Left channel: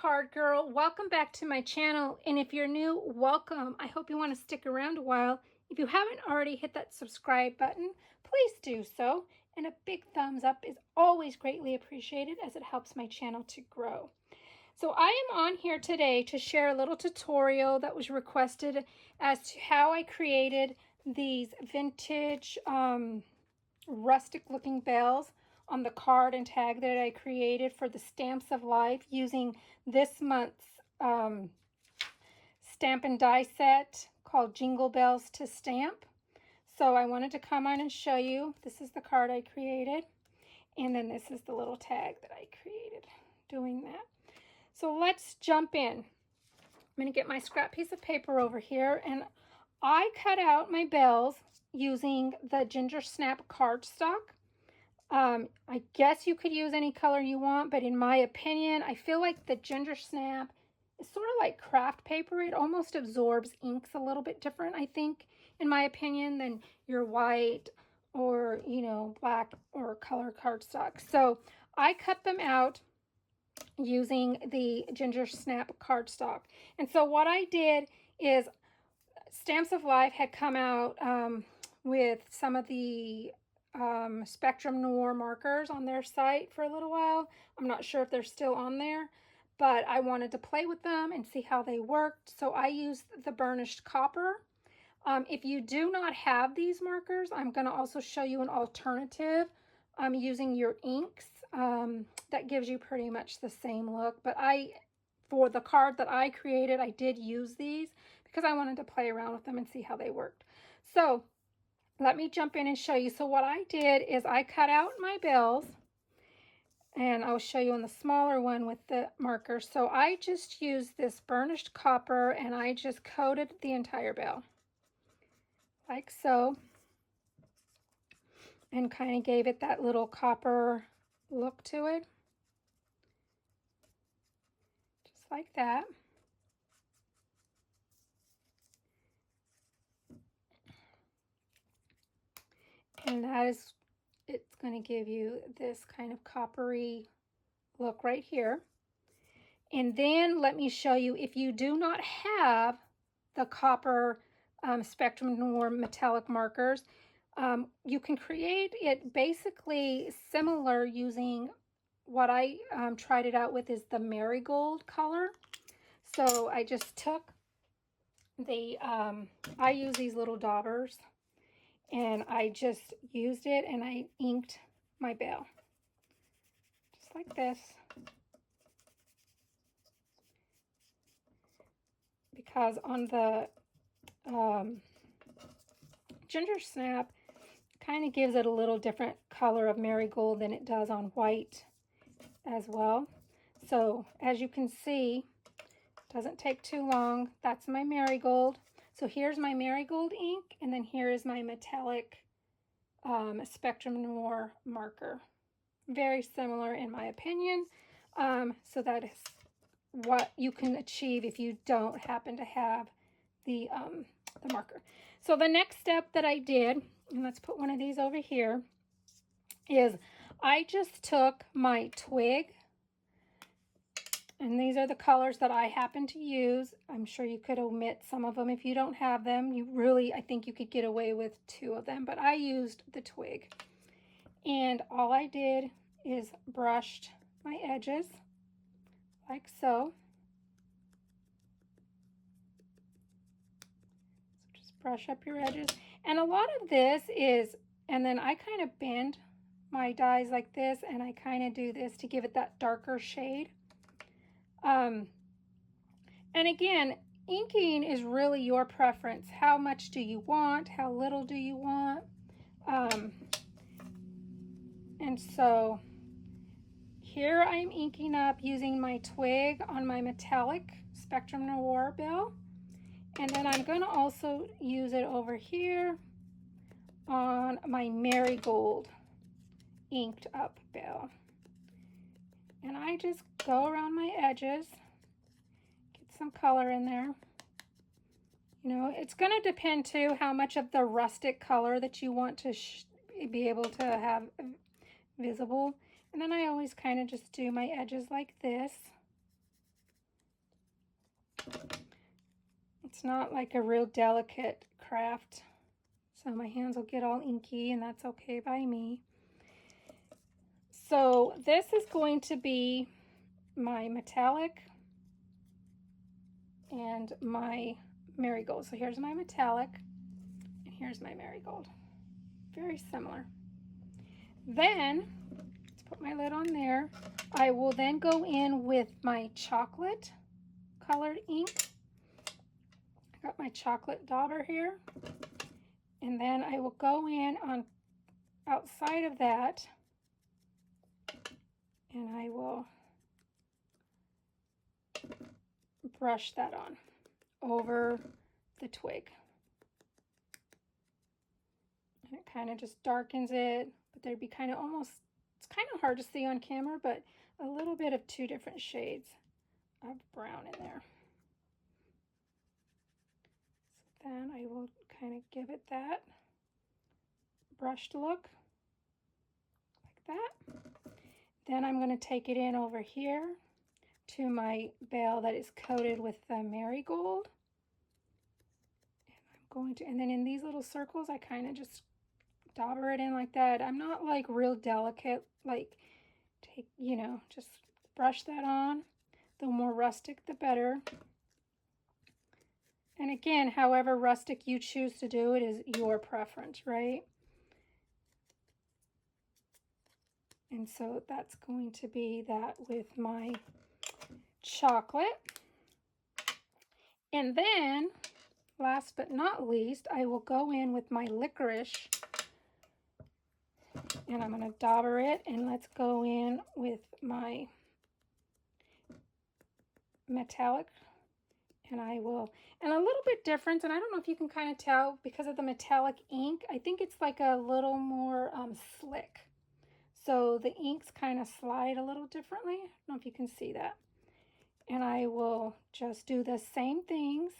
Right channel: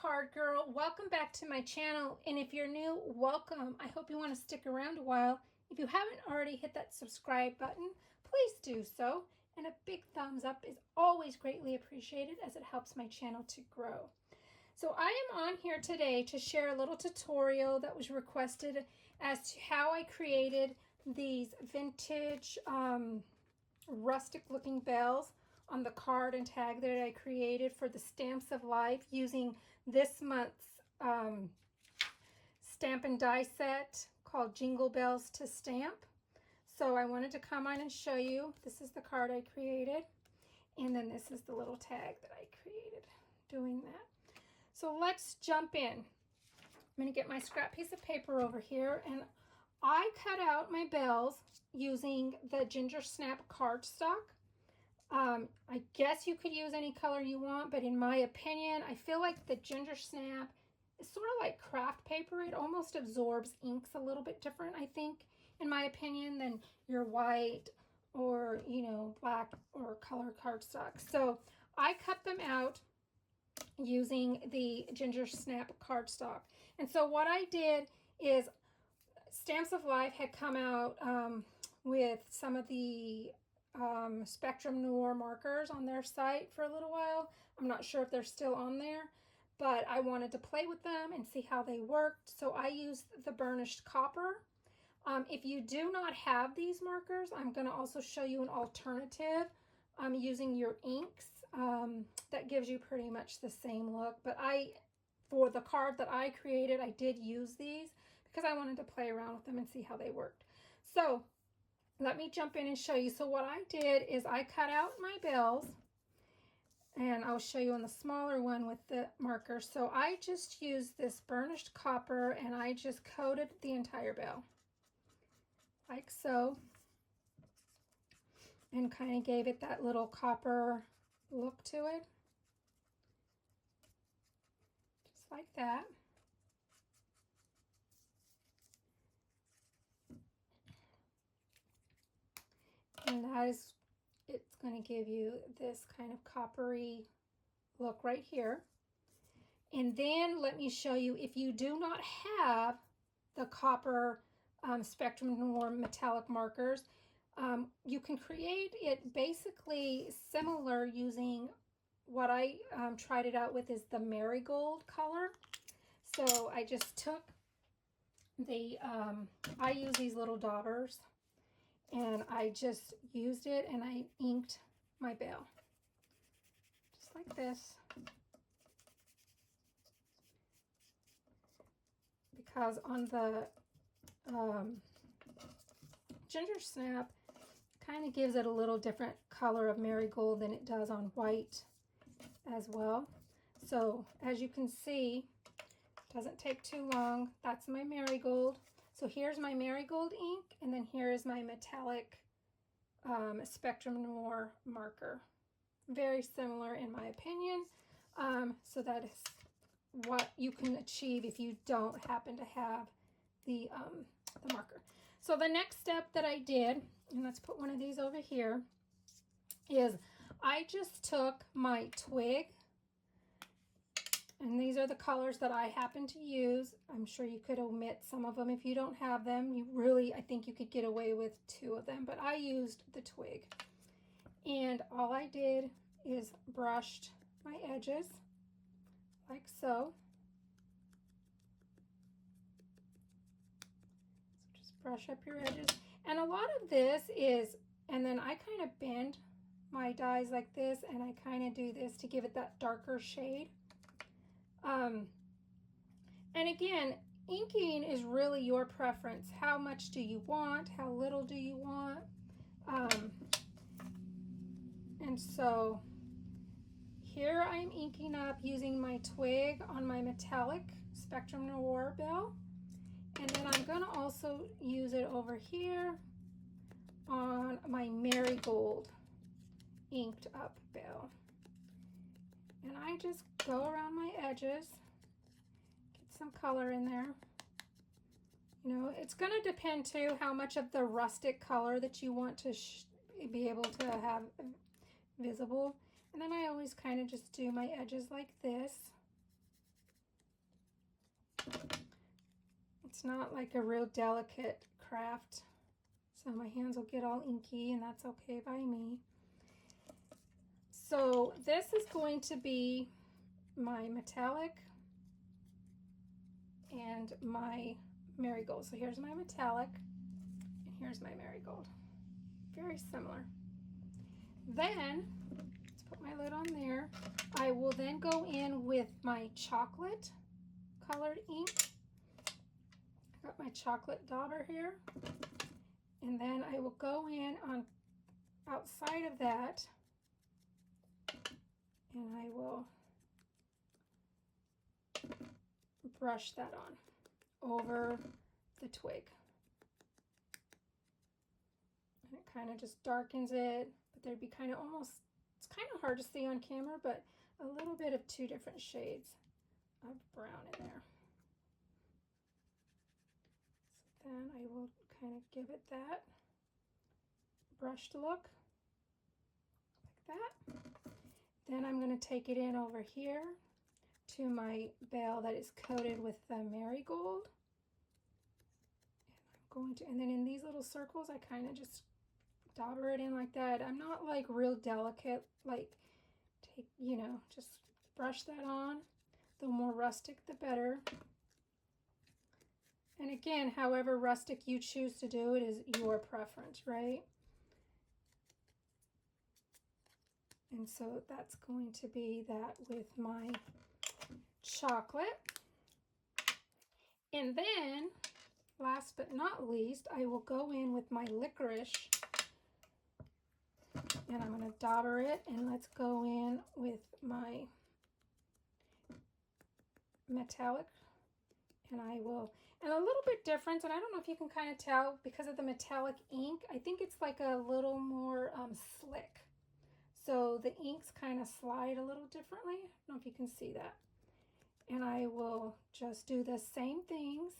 Card Girl. Welcome back to my channel, and if you're new, welcome. I hope you want to stick around a while. If you haven't already hit that subscribe button, please do so, and a big thumbs up is always greatly appreciated as it helps my channel to grow. So I am on here today to share a little tutorial that was requested as to how I created these vintage rustic looking bells on the card and tag that I created for the Stamps of Life using this month's stamp and die set called Jingle Bells to Stamp. So I wanted to come on and show you. This is the card I created, and then this is the little tag that I created doing that. So let's jump in. I'm going to get my scrap piece of paper over here, and I cut out my bells using the Ginger Snap cardstock. I guess you could use any color you want, but in my opinion, I feel like the Ginger Snap is sort of like craft paper. It almost absorbs inks a little bit different, I think, in my opinion, than your white or, you know, black or color cardstock. So I cut them out using the Ginger Snap cardstock. And so what I did is Stamps of Life had come out with some of the Spectrum Noir markers on their site for a little while. I'm not sure if they're still on there, but I wanted to play with them and see how they worked. So I used the burnished copper. If you do not have these markers, I'm going to also show you an alternative using your inks. That gives you pretty much the same look, but for the card that I created, I did use these because I wanted to play around with them and see how they worked. So let me jump in and show you. So what I did is I cut out my bells, and I'll show you on the smaller one with the marker. So I just used this burnished copper, and I just coated the entire bell like so, and kind of gave it that little copper look to it, just like that. And it's going to give you this kind of coppery look right here. And then let me show you, if you do not have the copper Spectrum Noir metallic markers, you can create it basically similar using what I tried it out with is the marigold color. So I just took I use these little daubers, and I just used it and I inked my bell just like this, because on the Ginger Snap kind of gives it a little different color of marigold than it does on white as well. So as you can see, it doesn't take too long. That's my marigold. So here's my marigold ink, and then here is my metallic Spectrum Noir marker. Very similar in my opinion. So that is what you can achieve if you don't happen to have the marker. So the next step that I did, and let's put one of these over here, is I just took my twig, and these are the colors that I happen to use. I'm sure you could omit some of them if you don't have them. I think you could get away with 2 of them, but I used the twig. And all I did is brushed my edges like so. So just brush up your edges. And a lot of this is, and then I kind of bend my dies like this, and I kind of do this to give it that darker shade. And again, inking is really your preference. How much do you want? How little do you want? And so here I'm inking up using my twig on my metallic Spectrum Noir bell. And then I'm going to also use it over here on my marigold inked up bell. And I just go around my edges, get some color in there. You know, it's going to depend too how much of the rustic color that you want to be able to have visible. And then I always kind of just do my edges like this. It's not like a real delicate craft, so my hands will get all inky, and that's okay by me. So this is going to be my metallic and my marigold. So here's my metallic, and here's my marigold. Very similar. Then, let's put my lid on there. I will then go in with my chocolate colored ink. I got my chocolate dauber here. And then I will go in on outside of that, and I will brush that on over the twig. And it kind of just darkens it, but there'd be kind of almost, it's kind of hard to see on camera, but a little bit of two different shades of brown in there. So then I will kind of give it that brushed look like that. Then I'm going to take it in over here to my bale that is coated with the marigold. And I'm going to, and then in these little circles, I kind of just dauber it in like that. I'm not like real delicate, like take, you know, just brush that on. The more rustic, the better. And again, however rustic you choose to do it is your preference, right? And so that's going to be that with my chocolate. And then, last but not least, I will go in with my licorice. And I'm going to dauber it, and let's go in with my metallic. And I will, and a little bit different, and I don't know if you can kind of tell because of the metallic ink, I think it's like a little more slick. So the inks kind of slide a little differently. I don't know if you can see that. And I will just do the same things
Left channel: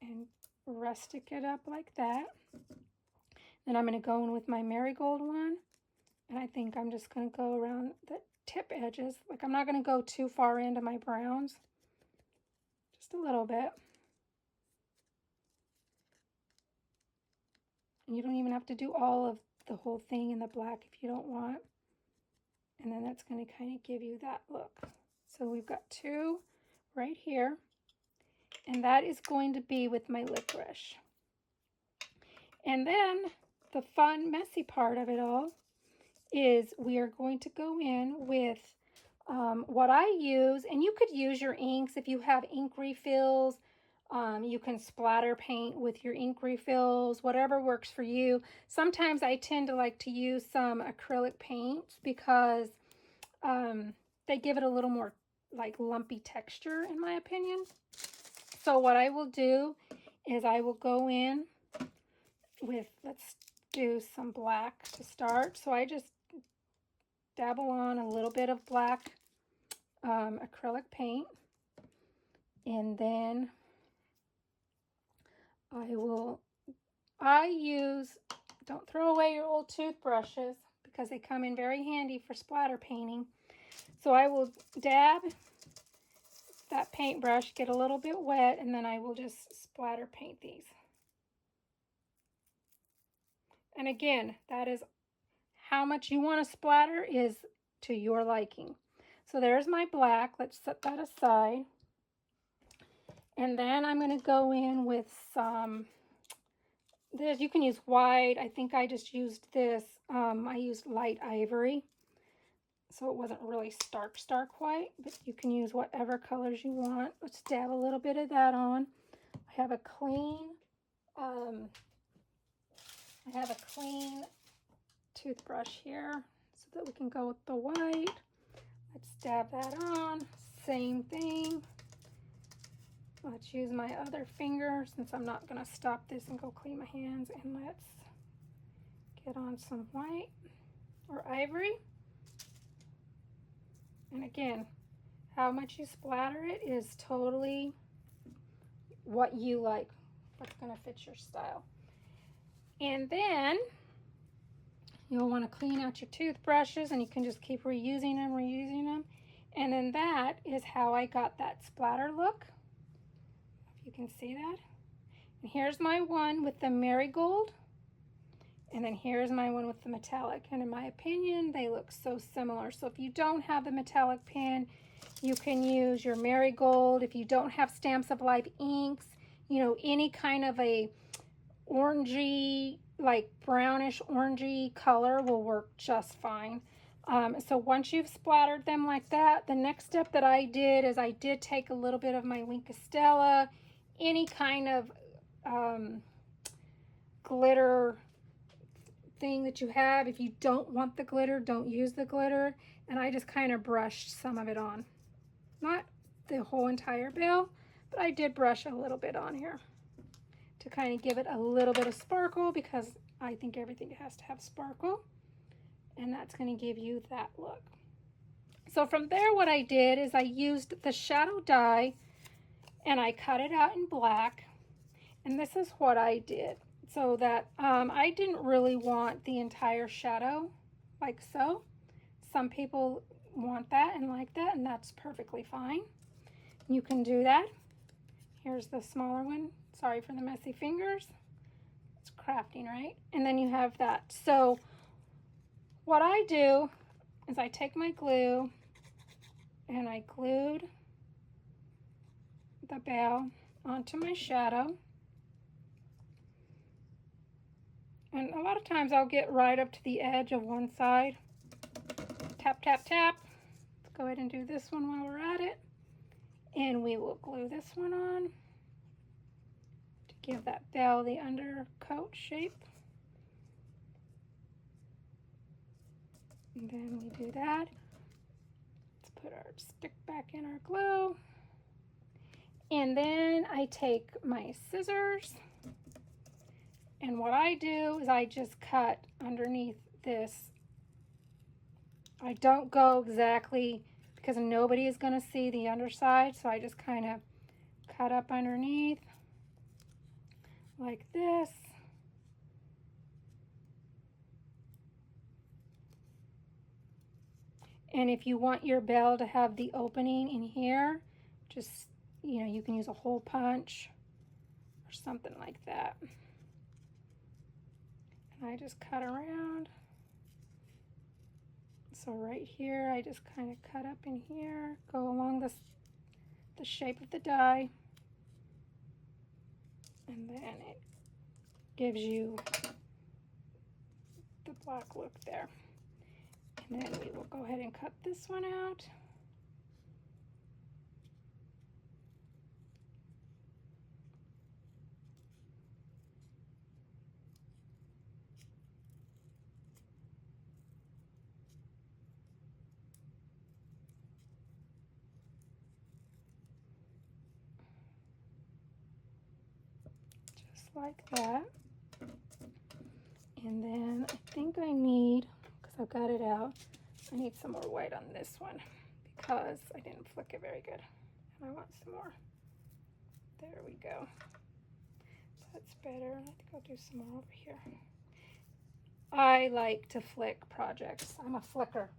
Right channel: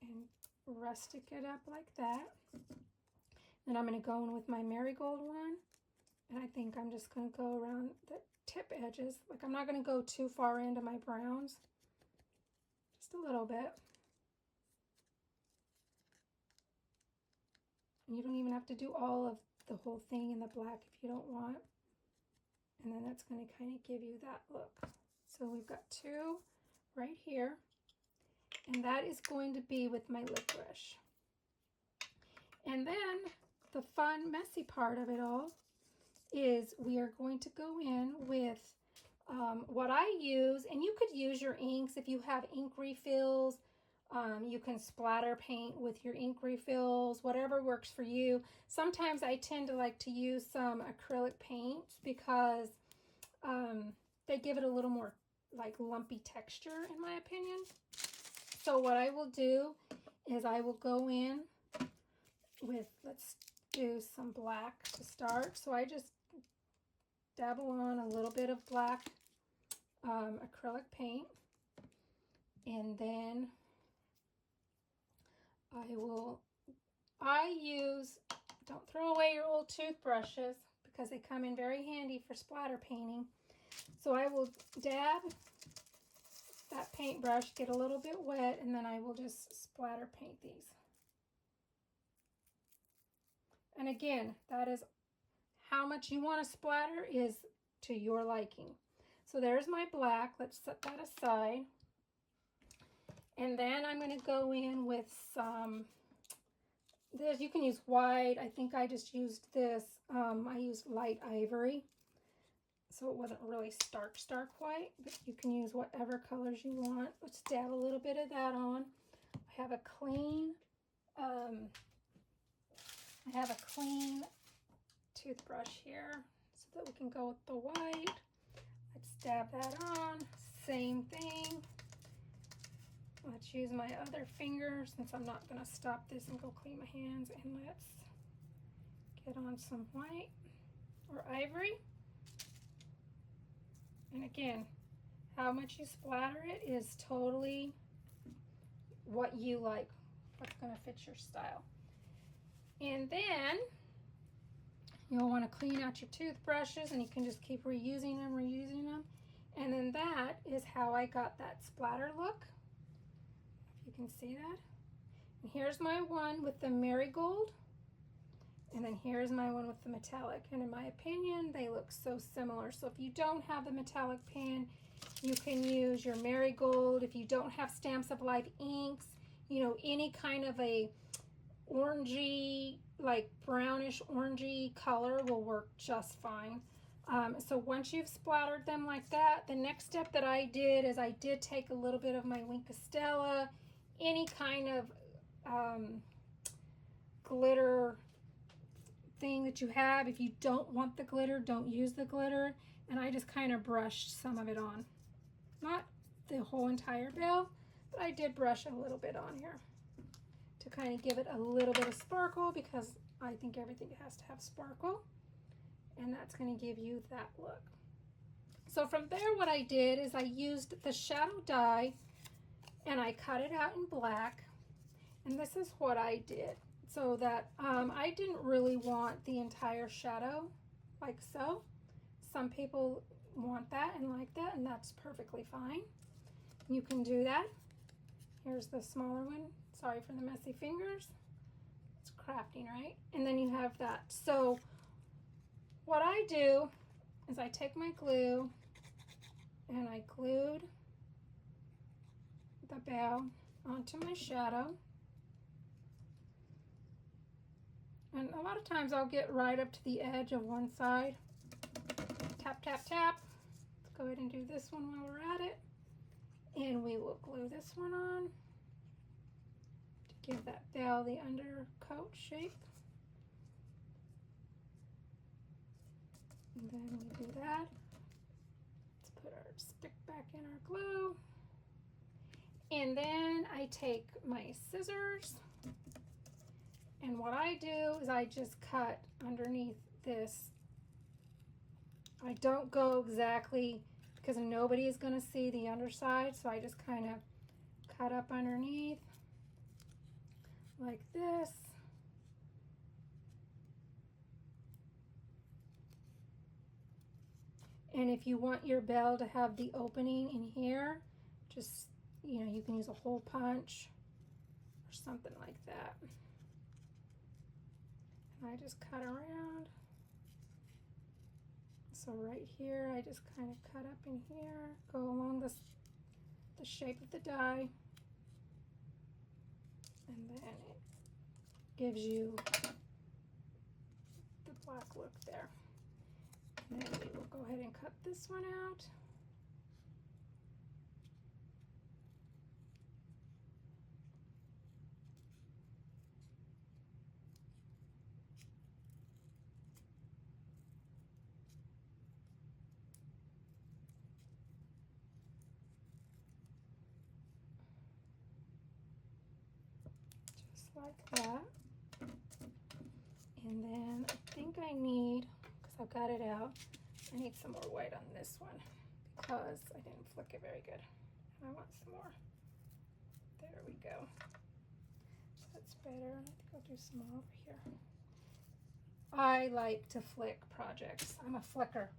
and rustic it up like that. Then I'm going to go in with my marigold one, and I think I'm just going to go around the tip edges. Like I'm not going to go too far into my browns, just a little bit. And you don't even have to do all of the whole thing in the black if you don't want. And then that's going to kind of give you that look. So we've got two right here, and that is going to be with my licorice. And then the fun, messy part of it all is we are going to go in with what I use, and you could use your inks if you have ink refills. You can splatter paint with your ink refills, whatever works for you. Sometimes I tend to like to use some acrylic paints because they give it a little more like lumpy texture in my opinion. So what I will do is I will go in with, let's do some black to start. So I just dabble on a little bit of black acrylic paint, and then I use, don't throw away your old toothbrushes because they come in very handy for splatter painting. So I will dab that paintbrush, get a little bit wet, and then I will just splatter paint these. And again, that is how much you want to splatter is to your liking. So there's my black. Let's set that aside. And then I'm going to go in with some, this, you can use white. I think I just used this. I used light ivory. So it wasn't really stark white, but you can use whatever colors you want. Let's dab a little bit of that on. I have a clean toothbrush here so that we can go with the white. Let's dab that on. Same thing. Let's use my other finger since I'm not going to stop this and go clean my hands. And let's get on some white or ivory. And again, how much you splatter it is totally what you like, what's going to fit your style. And then you'll want to clean out your toothbrushes, and you can just keep reusing them. And then that is how I got that splatter look. If you can see that. And here's my one with the marigold. And then here's my one with the metallic. And in my opinion, they look so similar. So if you don't have the metallic pen, you can use your marigold. If you don't have Stamps of Life inks, you know, any kind of a orangey, like brownish orangey color will work just fine. So once you've splattered them like that, the next step that I did is I did take a little bit of my Wink of Stella, any kind of glitter thing that you have. If you don't want the glitter, don't use the glitter. And I just kind of brushed some of it on. Not the whole entire bell, but I did brush a little bit on here to kind of give it a little bit of sparkle, because I think everything has to have sparkle. And that's going to give you that look. So from there, what I did is I used the shadow die and I cut it out in black. And this is what I did. So that I didn't really want the entire shadow like so. Some people want that and like that, and that's perfectly fine. You can do that. Here's the smaller one. Sorry for the messy fingers. It's crafting, right? And then you have that. So what I do is I take my glue and I glued the bell onto my shadow. And a lot of times I'll get right up to the edge of one side. Tap, tap, tap. Let's go ahead and do this one while we're at it. And we will glue this one on to give that bell the undercoat shape. And then we do that. Let's put our stick back in our glue. And then I take my scissors. And what I do is I just cut underneath this. I don't go exactly, because nobody is going to see the underside, so I just kind of cut up underneath like this. And if you want your bell to have the opening in here, just, you know, you can use a hole punch or something like that. And I just cut around. So right here, I just kind of cut up in here, go along the shape of the die, and then it gives you the black look there. And then we will go ahead and cut this one out. Like that. And then I think I need, because I've got it out, I need some more white on this one because I didn't flick it very good. And I want some more. There we go. That's better. I think I'll do some more over here. I like to flick projects. I'm a flicker.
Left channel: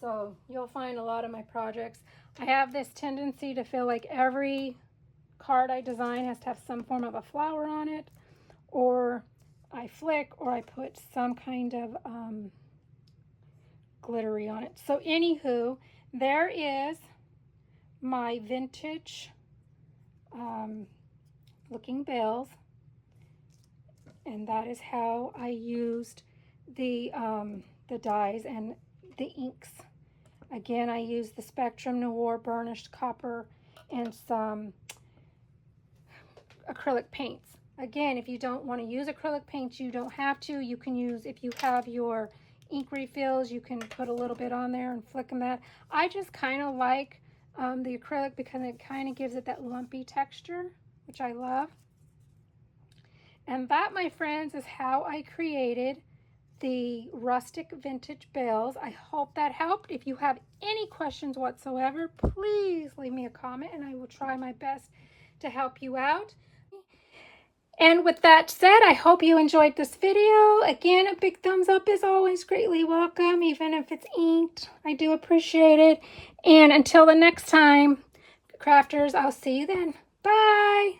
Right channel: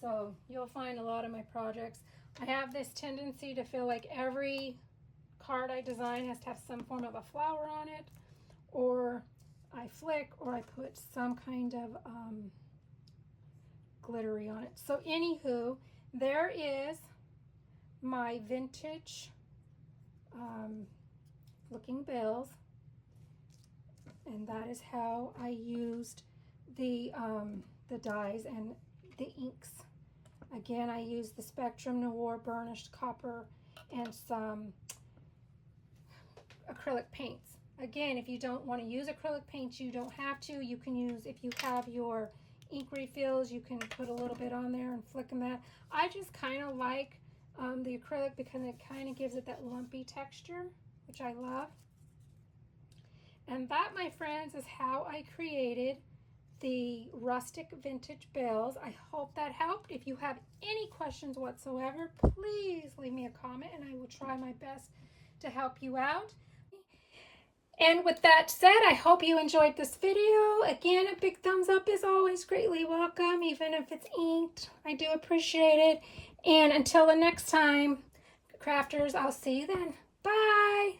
So you'll find a lot of my projects. I have this tendency to feel like every card I design has to have some form of a flower on it, or I flick, or I put some kind of glittery on it. So anywho, there is my vintage looking bells, and that is how I used the dyes and the inks. Again, I used the Spectrum Noir burnished copper and some acrylic paints. Again, if you don't want to use acrylic paints, you don't have to. You can use, if you have your ink refills, you can put a little bit on there and flick them that. I just kind of like the acrylic because it kind of gives it that lumpy texture, which I love. And that, my friends, is how I created the rustic vintage bells. I hope that helped. If you have any questions whatsoever, please leave me a comment and I will try my best to help you out. And with that said, I hope you enjoyed this video. Again, a big thumbs up is always greatly welcome, even if it's inked. I do appreciate it. And until the next time, crafters, I'll see you then. Bye.